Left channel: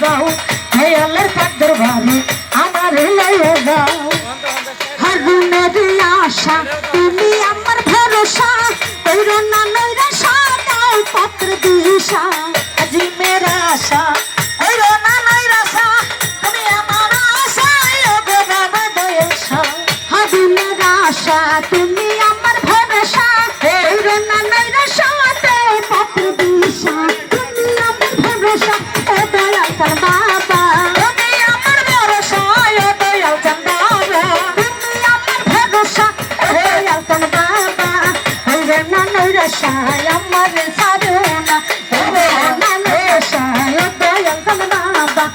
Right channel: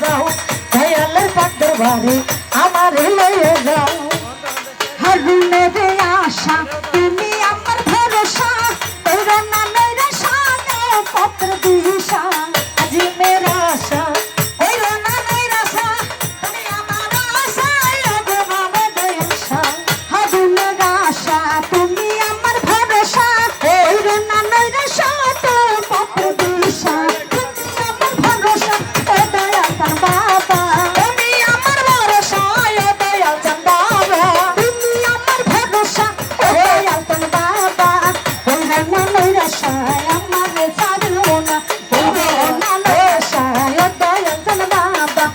যাও দয়ালের পাক দরবারে আমার লয়ে যাও হারুনের আশা তুমি আমার ভরসা তোর না নৈরাশা দাও পত্র দিশা আজি মেরা আশা